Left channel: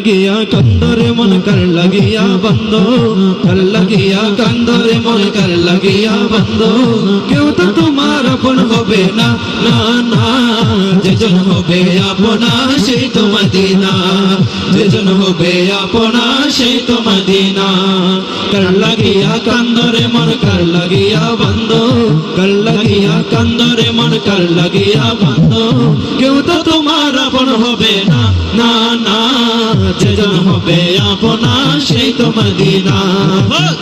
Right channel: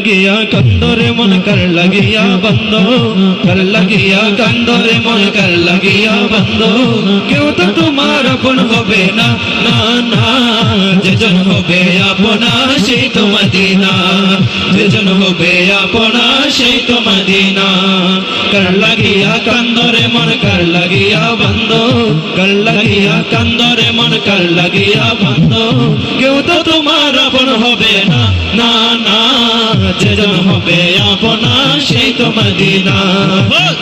লাগিয়া কান্দরে মন কর লাগিয়া বন্ধ, কর লাগিয়া কান্দরে মন কর লাগিয়া বন্ধ। কেউ তো তোমার আপন হবে না, না না, যেজন হবে আপনা সেই তো মদিনা, যেজন হবে আপনা সেই তো মদিনা। কর লাগিয়া কান্দরে মন কর লাগিয়া বন্ধ, কর লাগিয়া কান্দরে মন কর লাগিয়া বন্ধ। কেউ তো তোমার আপন হবে না, না না, যেজন হবে আপনা সেই তো মদিনা,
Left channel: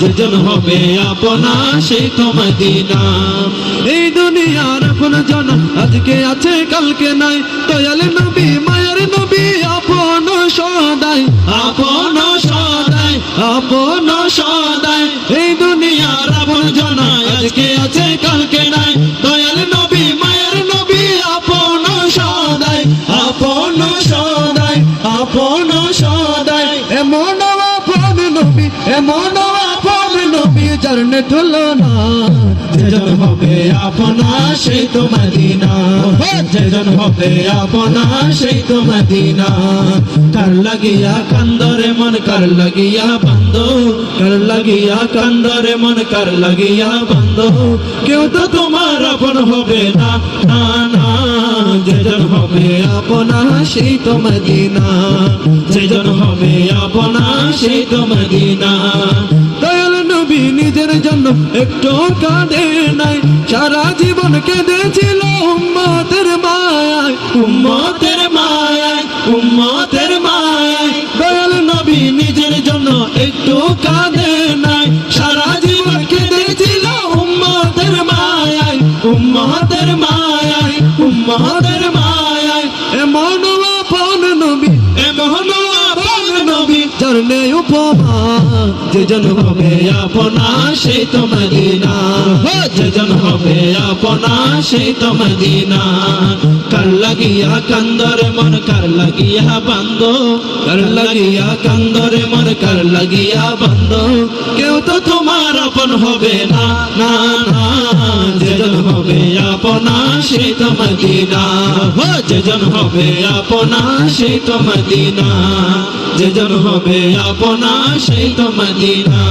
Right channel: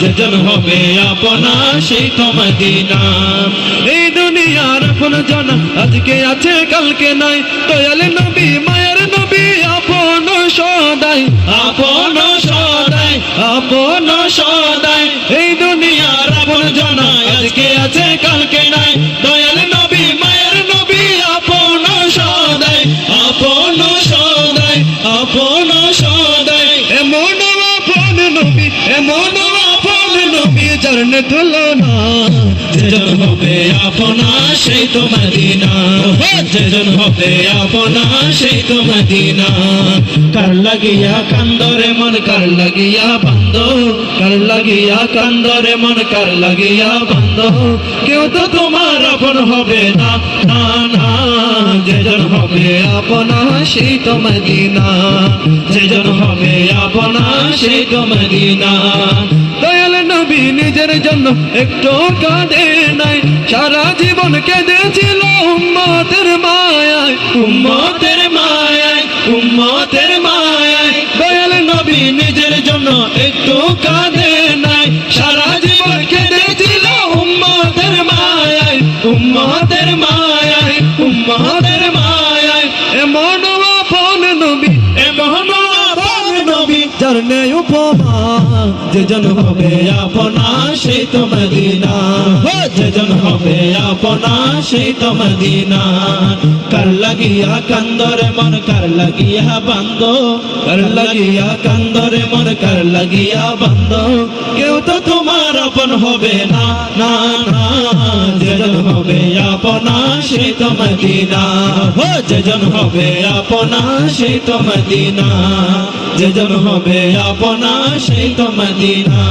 যেজন হবে আপনা সেই তো মদিনা। এই দুনিয়ার আপন জন আজকে আছে কালকে নাই, দয়াল নবী মায়ার নবী আপন সদাই, আপন সদাই, আপন সদাই। এই দুনিয়ার আপন জন আজকে আছে কালকে নাই, দয়াল নবী মায়ার নবী আপন সদাই, আপন সদাই, আপন সদাই। এমন আপন নবী, এমন আপন নবী চরণে তুলনা, যেজন হবে আপনা সেই তো মদিনা, যেজন হবে আপনা সেই তো মদিনা। কর লাগিয়া কান্দরে মন কর লাগিয়া বন্ধ, কর লাগিয়া কান্দরে মন কর লাগিয়া বন্ধ। কেউ তো তোমার আপন হবে না, না না, যেজন হবে আপনা সেই তো মদিনা, যেজন হবে আপনা সেই তো মদিনা। দয়াল নবী নিজের জন্য একটু কাঁদে নাই, সারা জীবন কেঁদেছিল উম্মতের মায়ায়, উম্মতের মায়ায়, উম্মতের মায়ায়। দয়াল নবী নিজের জন্য একটু কাঁদে নাই, সারা জীবন কেঁদেছিল উম্মতের মায়ায়, উম্মতের মায়ায়, উম্মতের মায়ায়। এমন আপন নবী, এমন আপন নবী চরণে উপমা, যেজন হবে আপনা সেই তো মদিনা, যেজন হবে আপনা সেই তো মদিনা। কর লাগিয়া কান্দরে মন কর লাগিয়া বন্ধ, কর লাগিয়া কান্দরে মন কর লাগিয়া বন্ধ। কেউ তো তোমার আপন হবে না, না না, যেজন হবে আপনা সেই তো মদিনা, যেজন হবে আপনা সেই তো মদিনা, যেজন হবে আপনা সেই তো মদিনা।